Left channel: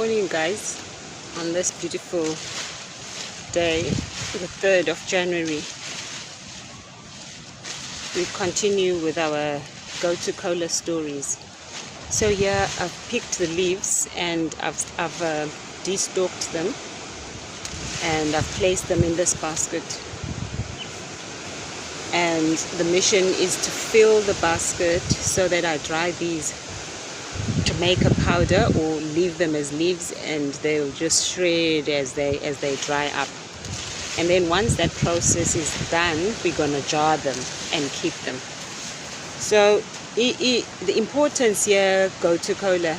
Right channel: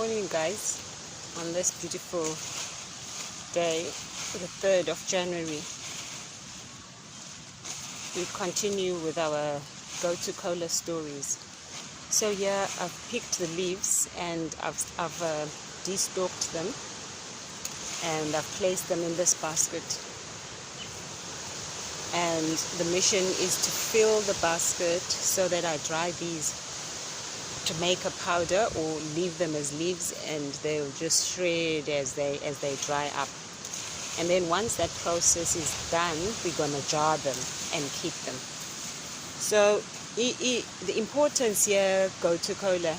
Morning, guys. On this beautiful day, the 3rd of January, we continue with our go-to cola stories. So here I've picked the leaves and I've de-stalked them and I've placed them in this basket. And the mission is to fill the basket so that I dry these to make a powder, or leave them as leaves and they'll just shred as they dry up. And then once that process is done, we're gonna jar them and keep them. So the importance here, go-to cola,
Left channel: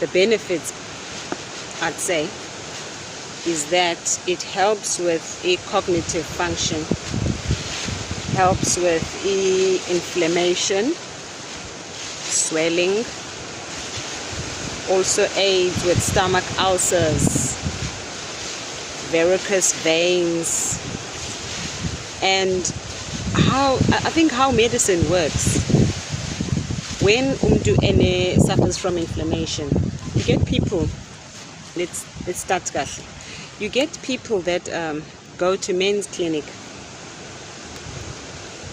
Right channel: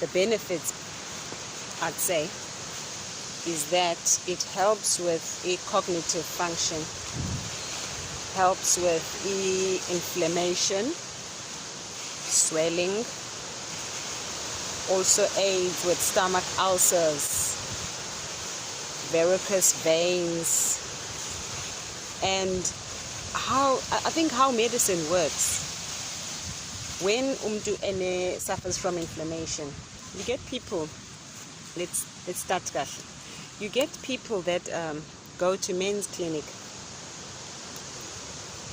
the benefits, I'd say, is that it helps with a cognitive function, helps with inflammation, swelling, also aids with stomach ulcers, varicose veins, and how medicine works. When umuntu suffers from inflammation, you get people, let's start kahle. You get people that go to men's clinic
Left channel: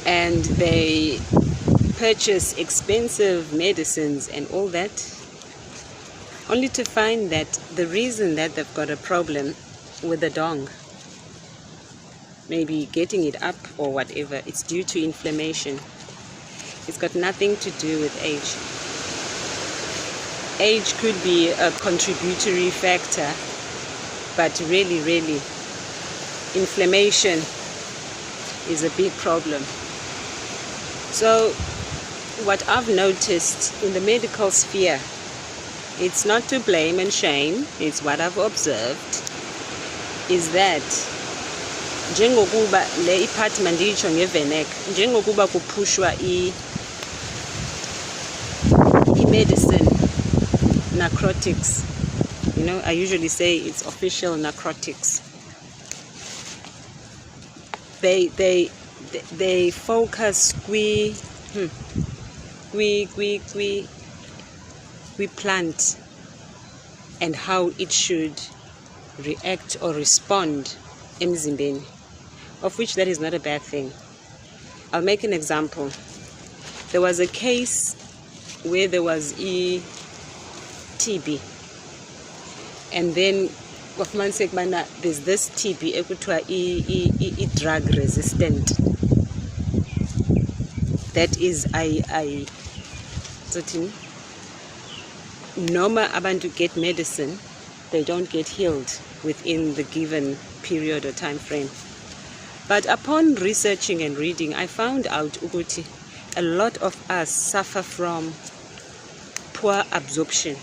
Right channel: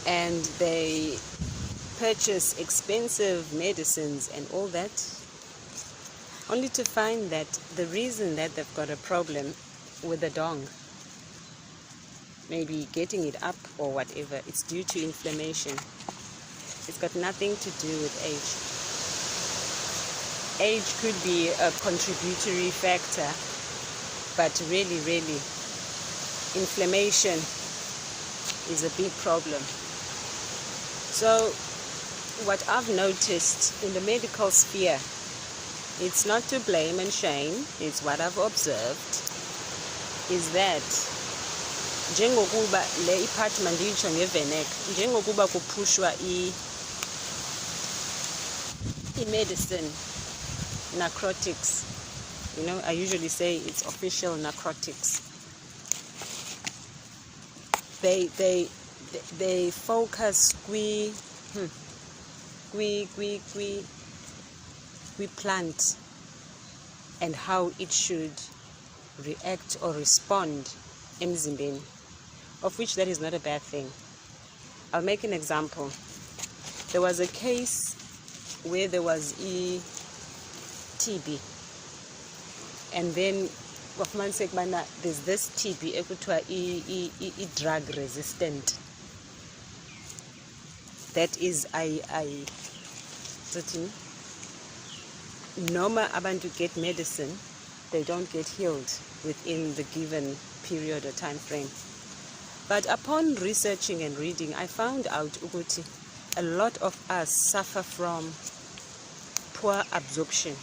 and they purchase expensive medicines and all that, only to find that the reason that they've got a problem with the dong, maybe getting it up or whatever, it's due to inflammation. It's got nothing to do with age. Age could be a contributory factor, but really inflammation is a big problem. So what I've noticed in the medical sphere, it's not to blame and shame, it's what I've observed, is that njengokuba le iphathi manditsho ngevenek, njengokuba kuphushwa i-medicine, narcotics, I usually say it's official narcotics. They focus we plant and how it should react or respond emzimbeni, of which that is not a bad thing. I'll make an example. There was a case where there was TB, and then there's this TB ekuthiwa drug resistant. That is Noma abantu get medicine, they don't get healed within the given period or time frame. But upon researching and reading, I found out ukuthi a lot of us suffer from poor absorption.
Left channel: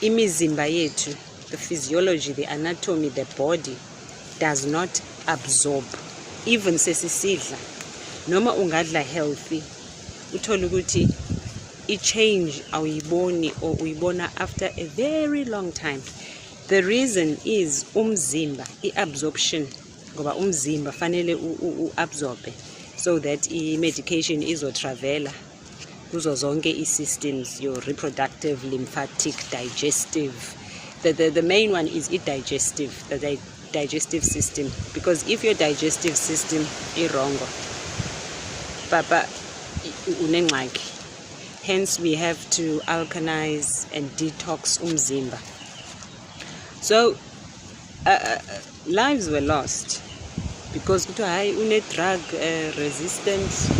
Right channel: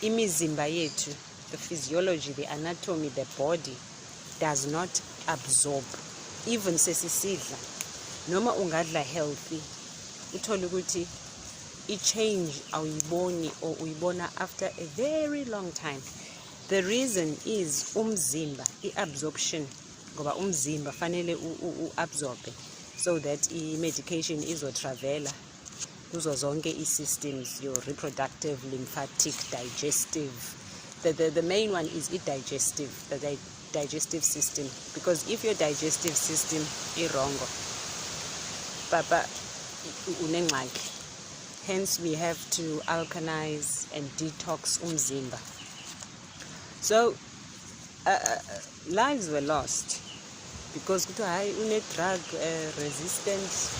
Imizimba yethu, the physiology, the anatomy, the body does not absorb. Even sesisidla, noma ungadla healthy, uthola ukuthi i-change awuyiboni or uyibona after a very long time. The reason is umzimba, i-absorption, ngoba umzimba fanele u-absorbe so that i-medication izotravela kuzo zonke i-systems, your reproductive, lymphatic, digestive. The main one is digestive, the digestive system, because if your digestive system is wrong, papa unengxaki. Hence we have to alkalize and detox umzimba. So lives were lost because une drug resistant,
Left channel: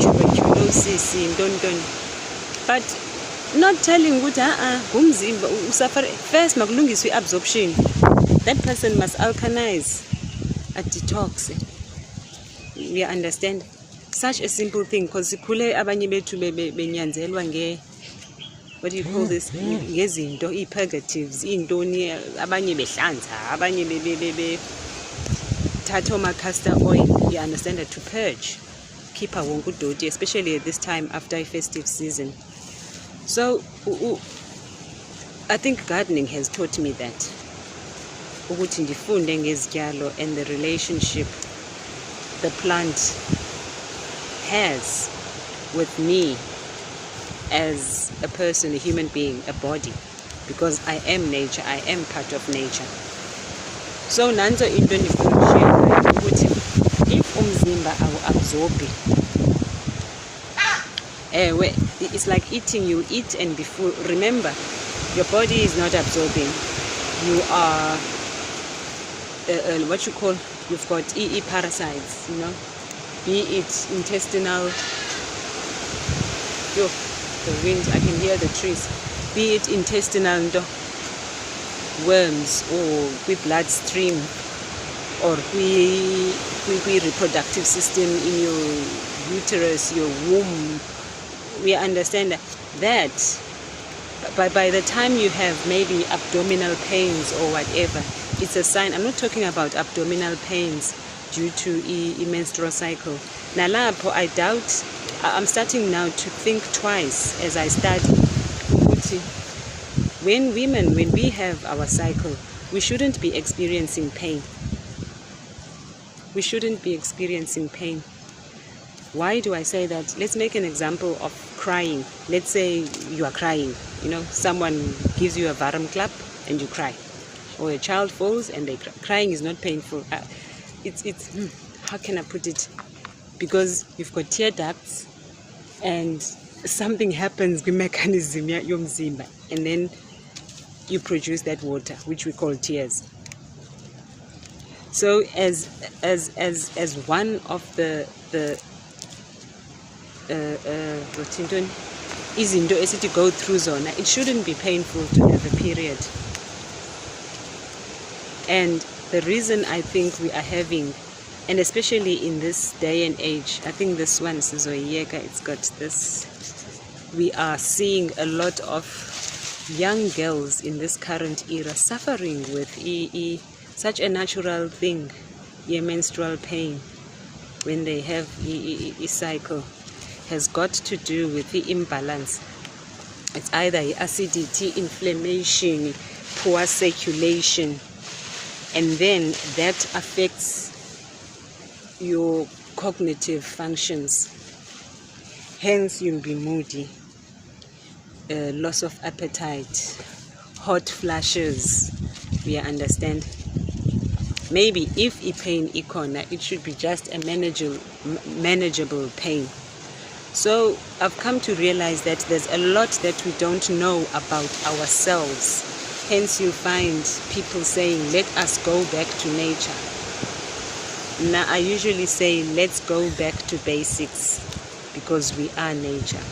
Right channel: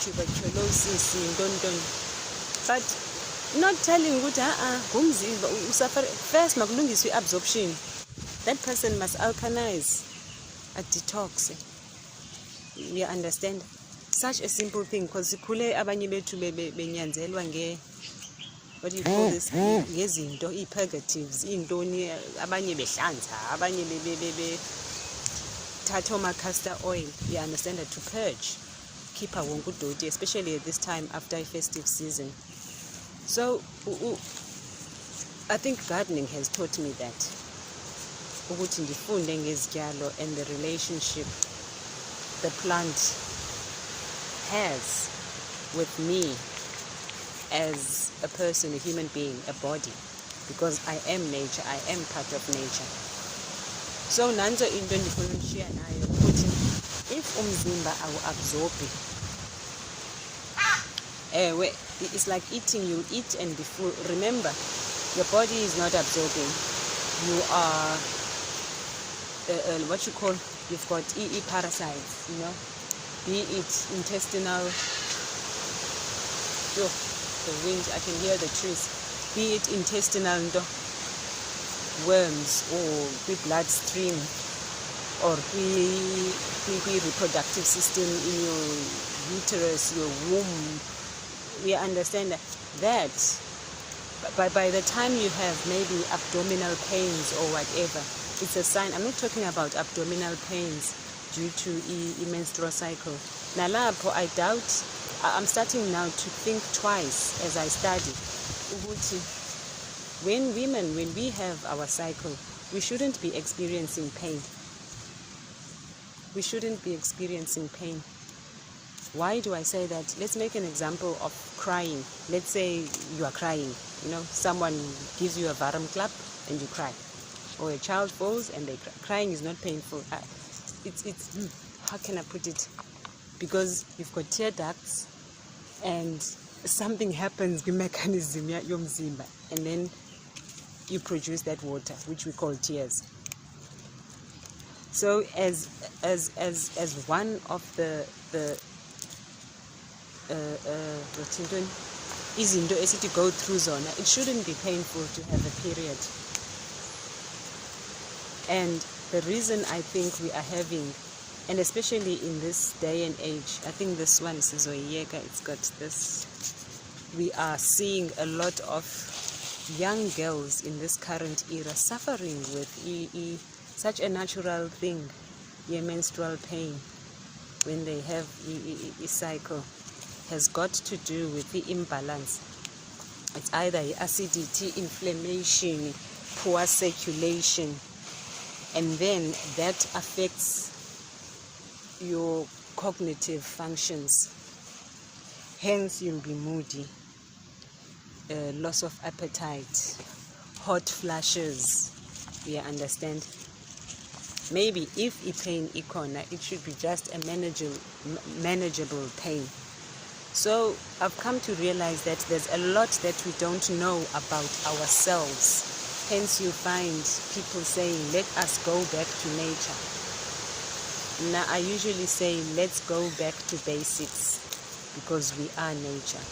tuberculosis, but not telling umzimba usuffer first makulungiswe absorption. That person must alkalize, a detox. We understand such a simple thing, because sikhule abanye bethu benyanzelwa what do you call this, ngezinto i-purgatives, intoni, abanye behlanza, abanye thatha oma-castor oil, you understand, that to purge, keep our wonke udoti, especially at this time after a festive season. So I think gardening has taught me that, ukuthi ndifunde ngezityalo and the relationship the plant has with me as a person, a human being, a body. because I am nature, I am part of nature. So nanzo into ndifuna ukuthi if umzimba awuabsorbi, it's like eating. You eat and be full. Remember, your body is not absorbing. You are what you call, you've got EE parasites, you know, be it intestinal, the wind, I can hear the trees, be it intestinal worms, or with bloodstream, or with reproductive system in your uterus, your womb. We understand that by the time you have maybe abdominal pains or whatever, it's a sign. I'm not talking about abdominal pains due to a menstrual cycle. Nalapho, I doubt, I'm starting now to think twice as I study. When we have our cycle, we shouldn't be experiencing pain. We shouldn't be experiencing pain. Why do I say that? Let's make an example of crying. Let's say you are crying, you know, someone gives you a varum clap and you cry, or a child falls and they cry. Crying is not painful. How can I put it? Because you've got tear ducts and something happens with mechanism yomzimba, and then you produce that water, which we call tears. So as one of the izinto esithi go through zona, it shouldn't be painful to have a period. And the reason I think we are having, and especially in this day and age, I think this one, Sizoyeka, it's got this, we are seeing a lot of young girls in this current era suffering with such a natural thing, menstrual pain, when they have a cycle, has got to do with the imbalance. It's either acidity, inflammation, poor circulation, and then that affects your cognitive functions. Hence, you'll be moody, loss of appetite, hot flashes. We understand. Maybe if a pain ikona, it should be just a manageable pain. So I've come to realize that there's a lot that we don't know about ourselves. Hence you'll find people saying, let us go back to nature. Now I usually say, let's go back to basics, because we are nature.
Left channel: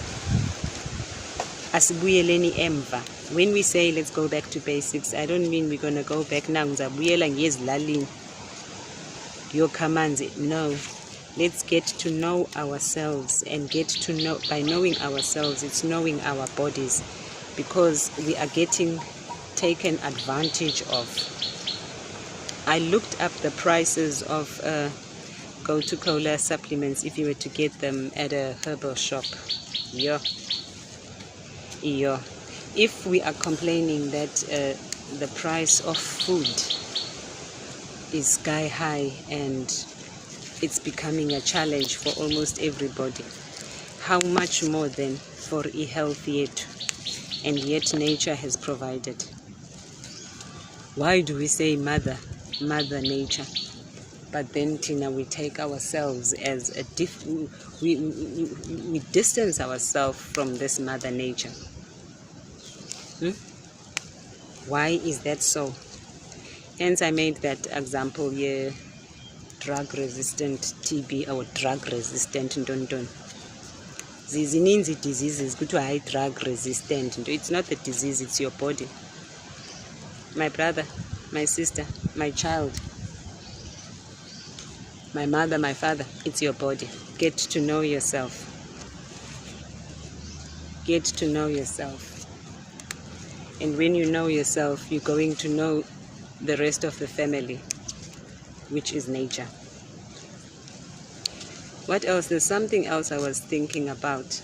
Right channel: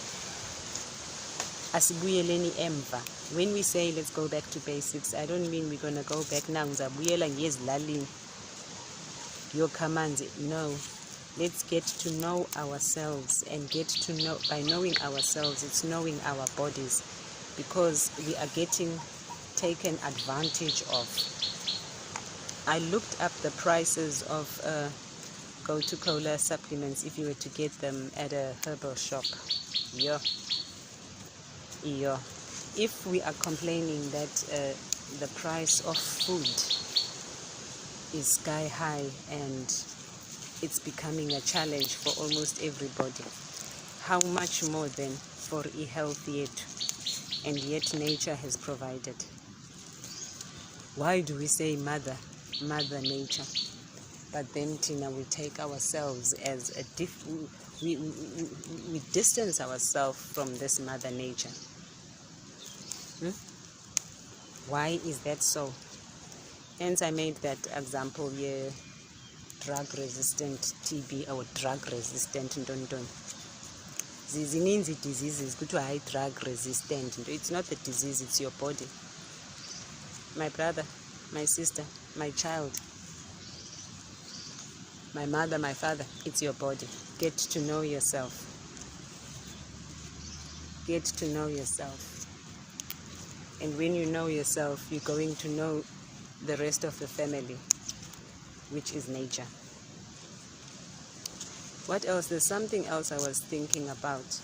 Asibuyeleni emva. When we say let's go back to basics, I don't mean we're going to go back now. No. Let's get to know ourselves, and get to know, by knowing ourselves, it's knowing our bodies, because we are getting taken advantage of. I looked up the prices of go-to-cola supplements if you were to get them at a herbal shop. If we are complaining that the price of food is sky high and it's becoming a challenge for almost everybody, how much more then for a health yet? And yet nature has provided. Why do we say mother nature? But then Tina, we take ourselves as a we distance ourselves from this mother nature. Why is that so? Hence I made that example here, drug resistant TB or drug resistant ndondon. Zizininzi diseases kuthiwa hayi drug resistant. It's not the disease, it's your body. My brother, my sister, my child, my mother, my father, it's your body. Get to know yourself. Get to know yourself. And when you know yourself, you're going to know the rest of the family, which is nature. What else? There's something else I was thinking about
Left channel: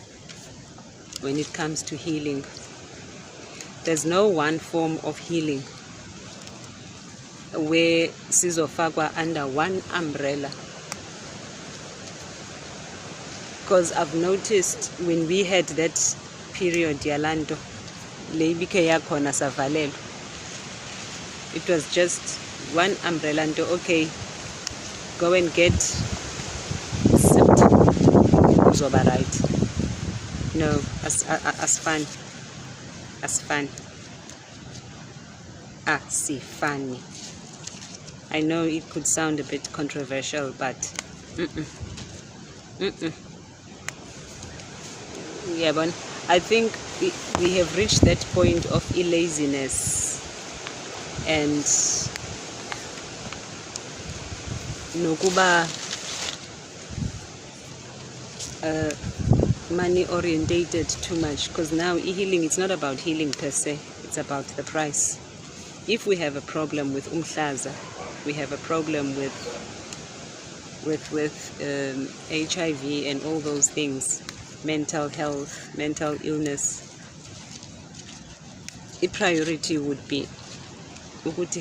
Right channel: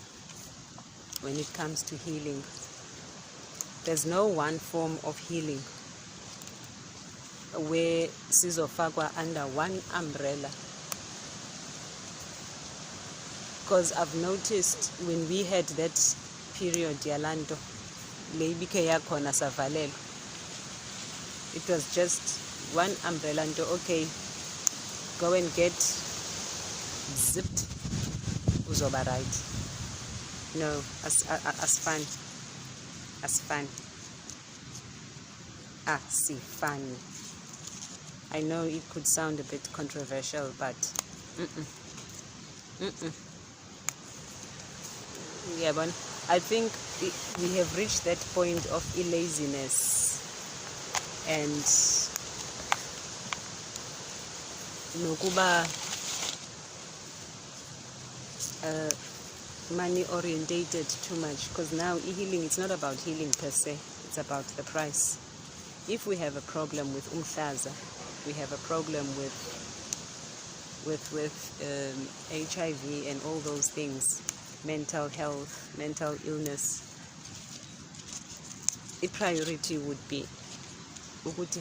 when it comes to healing. There's no one form of healing where sizofakwa under one umbrella. Because I've noticed when we had that period, Yalando, lebike yakhona savalelwa. It was just one umbrella nto, okay, go and get sipped, uzoba right. No, as fun funny. I know it could sound a bit controversial, but yeah, but I think we have reached that point of laziness and nokuba money orientated too much, because now healing, it's not about healing per se, it's about the price. If we have a problem with umhlaza, we have a problem with HIV and all those things, mental health, mental illness, a priority would be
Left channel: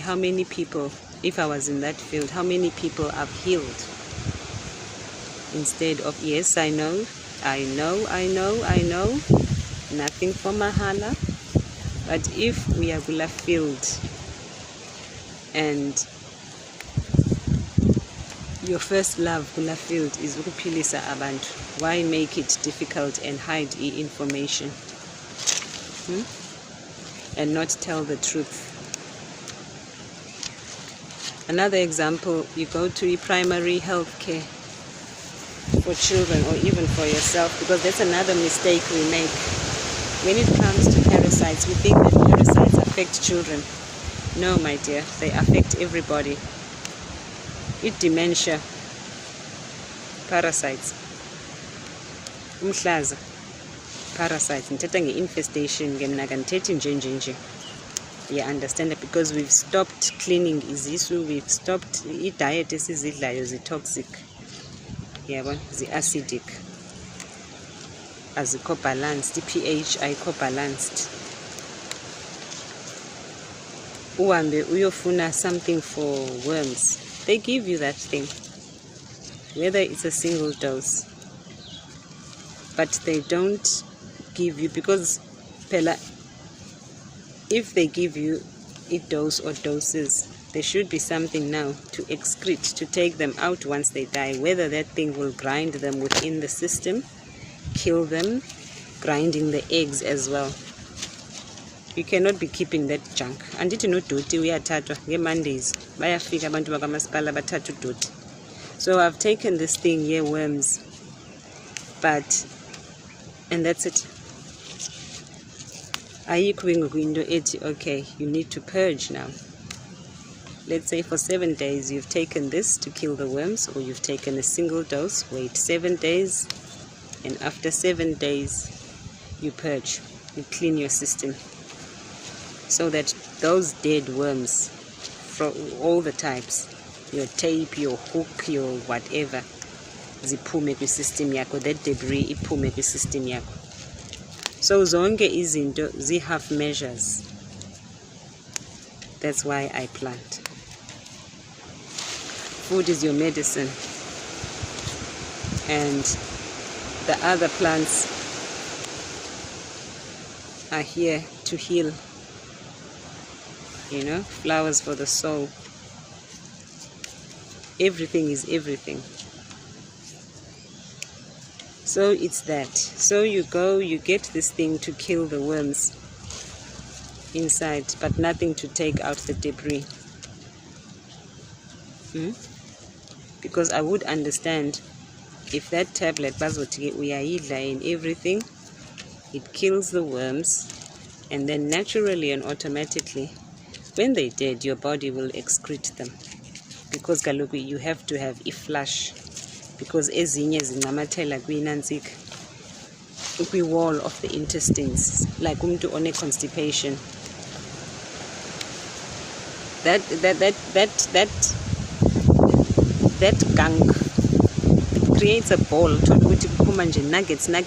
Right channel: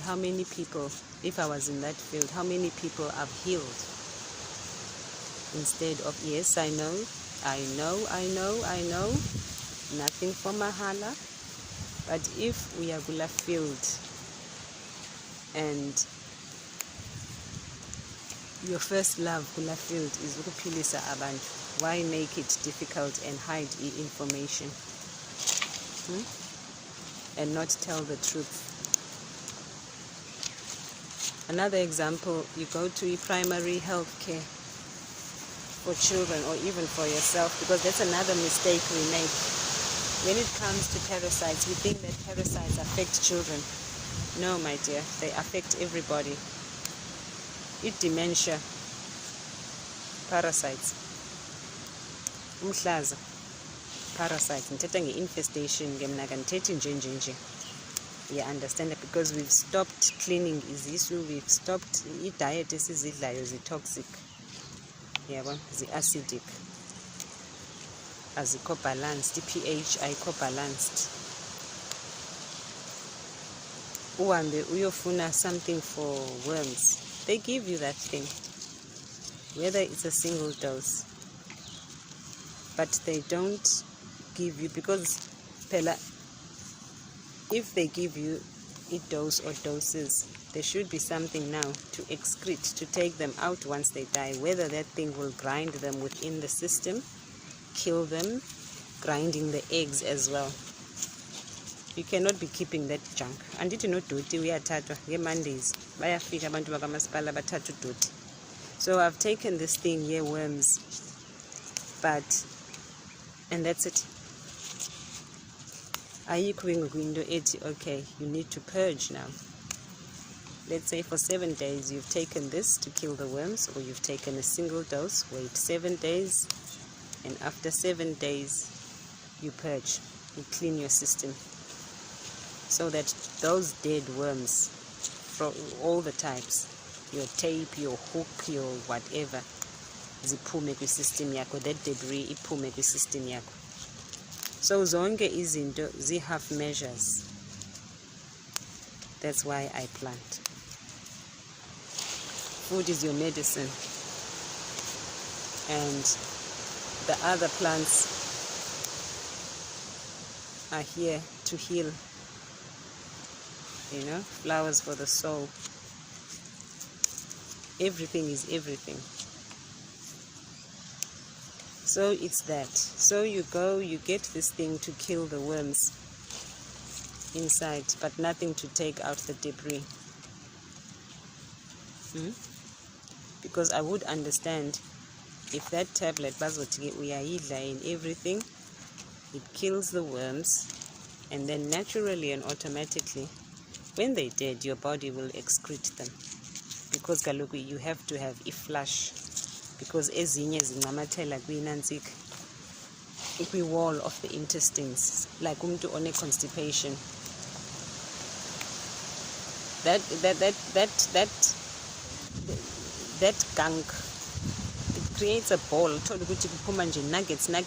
how many people, if I was in that field, how many people I've healed, instead of, yes, I know, nothing for mahala. But if we are kula field and your first love kula field is ukuphilisa abantu, why make it difficult and hide information and not tell the truth? Another example, you go to primary health care for children or even for yourself, because that's another mistake we make. When it comes to parasites, we think that parasites affect children. No, my dear, they affect everybody. It dementia, parasites, umhlaza, parasites, ngithetha nge-infestation, ngemnakanthethi nje. You understand that? Because we've stopped cleaning izisu, we've stopped diet esizidlayo zi-toxic, yabo, zi-acidic, azikho balanced, pH ayikho balanced. Uhambe uyofuna something for worms, they give you that thing, whether it's a single dose, but they don't give you, because phela, if they give you a dose or doses, there should be something now to excrete, to take them out once they die, whether that thing will grind them within the system, kill them, grinding the eggs as well. You cannot be keeping that junk. Andithi nodoti uyathathwa nge-Mondays bayafika abantu bakamasipala bathatha udoti. So I've taken this thing here, worms, but, and that's it. Okay, you need to purge now. Let's say for 7 days you've taken this to kill the worms, or you've taken a single dose, wait 7 days, and after 7 days you purge, you clean your system, so that those dead worms from all the types, your tape, your hook, your whatever, ziphume kwi-system yakho, that debris iphume kwi-system yakho. So zonke izinto zi-half measures. That's why I plant. Food is your medicine, and the other plants are here to heal. You know, flowers for the soul. Everything is everything. So it's that. So you go, you get this thing to kill the worms inside, but nothing to take out the debris. Because I would understand if that tablet bazothi uyayidla and everything, it kills the worms, and then naturally and automatically, when they're dead, your body will excrete them, because kaloku you have to have a flush, because ezinye zinamathela kwinantsika, kwi-wall of the intestines, like umntu one constipation. That gunk creates a ball, nuggets.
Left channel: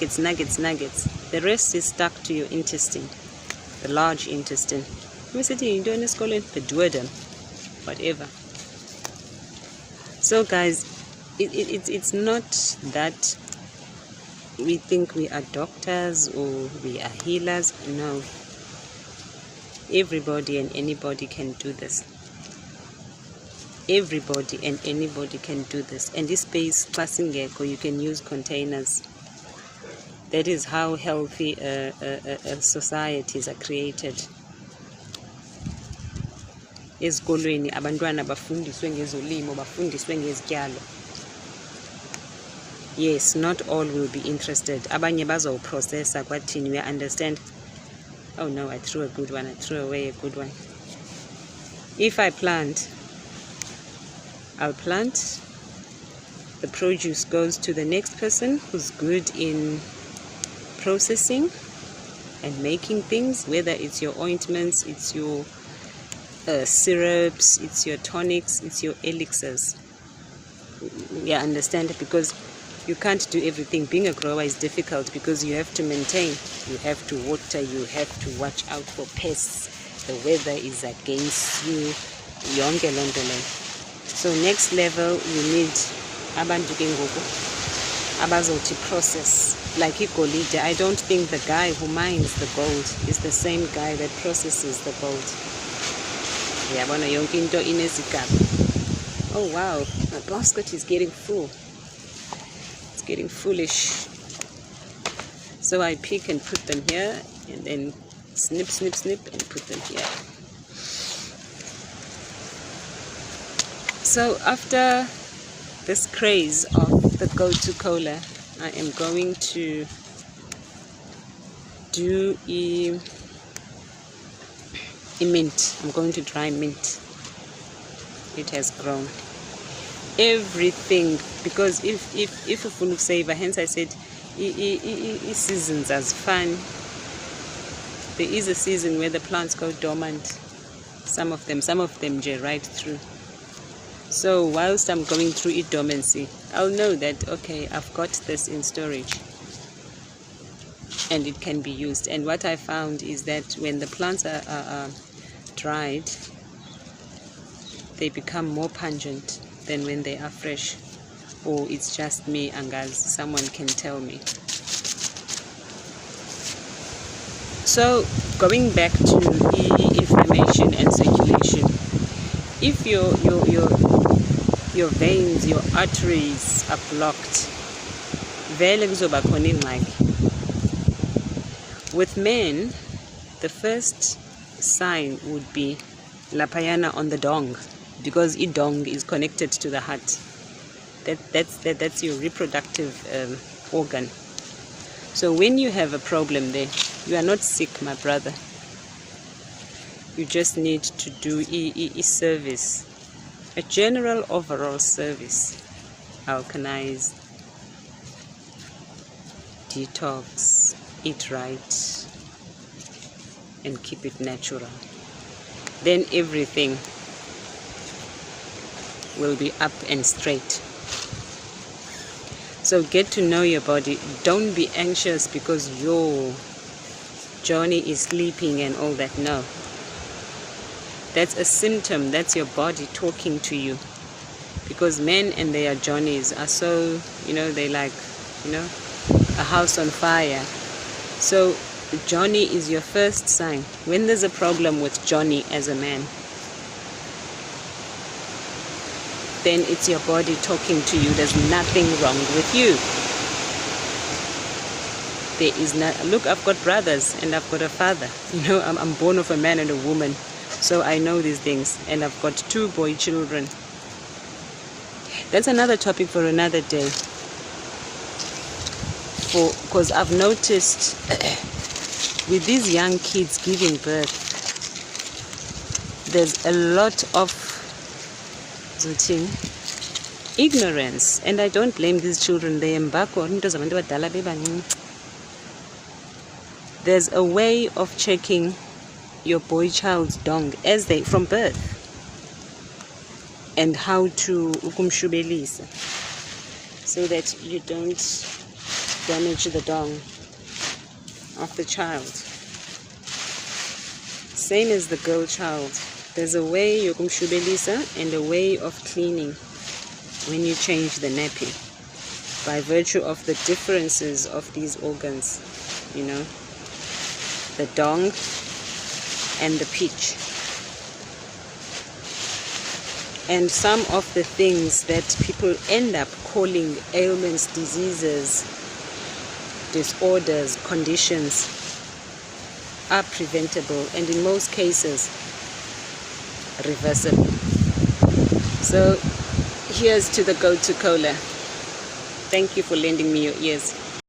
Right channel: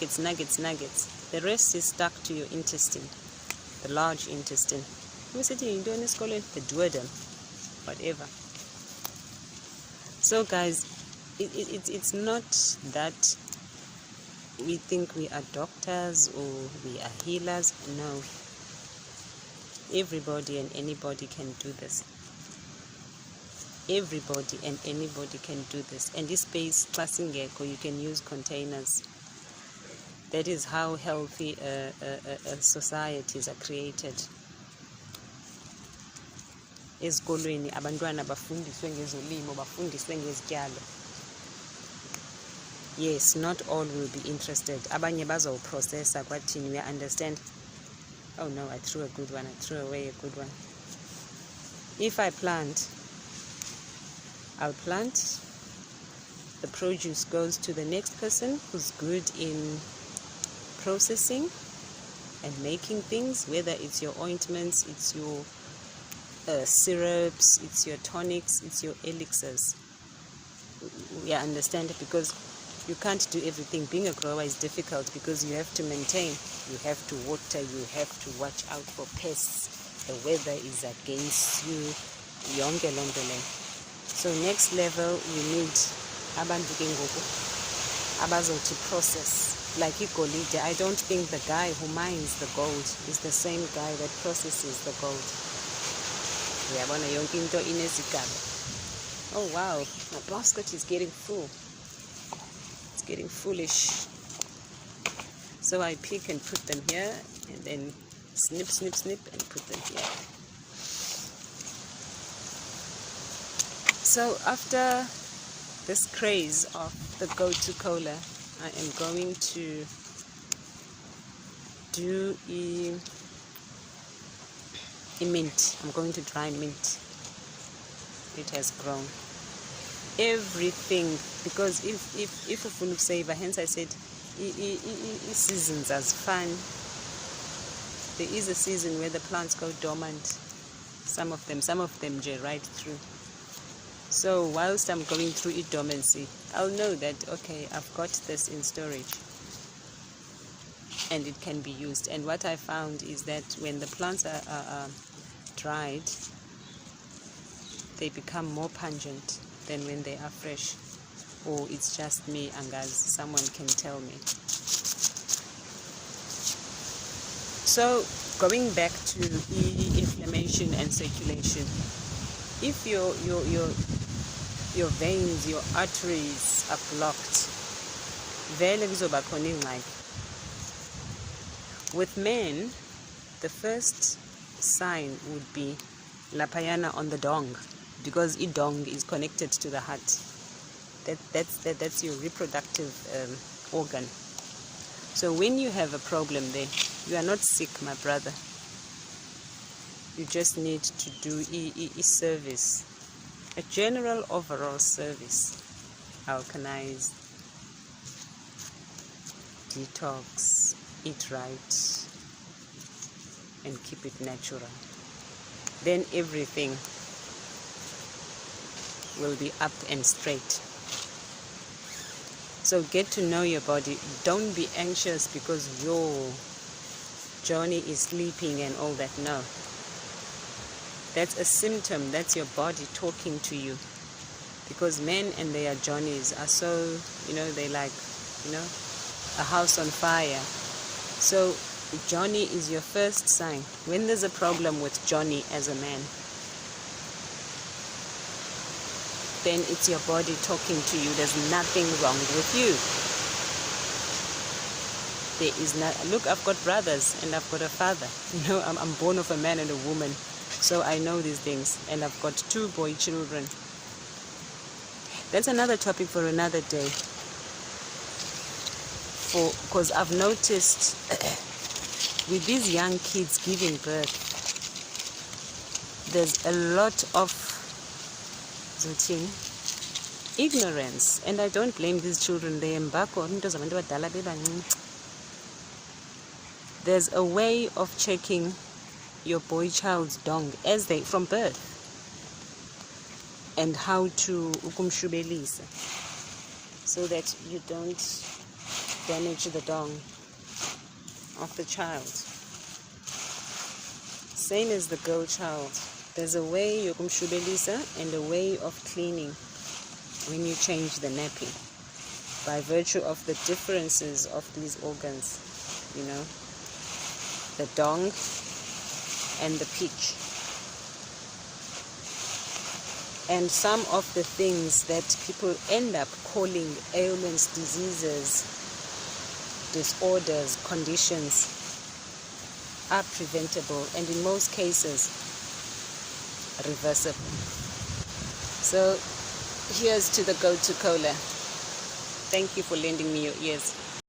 The rest is stuck to your intestine, the large intestine. The duodenum, whatever. So guys, it's not that we think we are doctors or we are healers. No, everybody and anybody can do this. Everybody and anybody can do this. And this space, you can use containers. That is how healthy societies are created. Ezikolweni abantwana bafundiswe ngezolimo, bafundiswe ngezityalo. Yes, not all will be interested. Abanye bazoprocessa kwathini, we understand. Oh no, I threw a good one. I threw away a good one. If I plant, I'll plant. The produce goes to the next person who's good in processing and making things, whether it's your ointments, it's your syrups, it's your tonics, it's your elixirs. Yeah, understand it, because you can't do everything. Being a grower is difficult because you have to maintain, you have to water, you have to watch out for pests. The weather is against you. Yonke lonto leyo. So next level, we need abantu ke ngoku abazothi process. Like igolide, I don't think the guy who mines the gold is the same guy that processes the gold. Yabona yonke into inezigaba. Oh wow, my basket is getting full. It's getting foolish. So I pick and put them here, and then snip, snip, snip, and put them here. So after this craze of the go-to cola, I am going to do a mint. I'm going to dry mint. It has grown. Everything, because if a full of savor, hence I said seasons as fun. There is a season where the plants go dormant. Some of them right through. So whilst I'm going through dormancy, I'll know that, okay, I've got this in storage and it can be used. And what I found is that when the plants are dried, they become more pungent than when they are fresh. Or it's just me, angazi, someone can tell me. So going back to inflammation and circulation, if your veins, your arteries are blocked, vele kuzoba khona ingxaki. With men, the first sign would be lapayana on the dong, because dong is connected to the heart. That's your reproductive organ. So when you have a problem there, you are not sick, my brother. You just need to do a service, a general overall service. Alkalize, detox, eat right, and keep it natural. Then everything will be up and straight. So get to know your body. Don't be anxious because your Johnny is sleeping and all that. No. That's a symptom. That's your body talking to you. Because men and their Johnnies are so, they like, a house on fire. So Johnny is your first sign. When there's a problem with Johnny as a man, then it's your body talking to you. There's nothing wrong with you. There is not. Look, I've got brothers and I've got a father. I'm born of a man and a woman. So I know these things. And I've got 2 boy children. That's another topic for another day. Because I've noticed with these young kids giving birth, there's a lot of ignorance, and I don't blame these children. They embark on. There's a way of checking your boy child's dong as they from birth, and how to ukumshubelisa so that you don't damage the dong of the child. Same as the girl child. There's a way yokumshubelisa and a way of cleaning when you change the nappy, by virtue of the differences of these organs. The dong and the pitch. And some of the things that people end up calling ailments, diseases, disorders, conditions are preventable, and in most cases reversible. So here's to the go-to cola. Thank you for lending me your ears.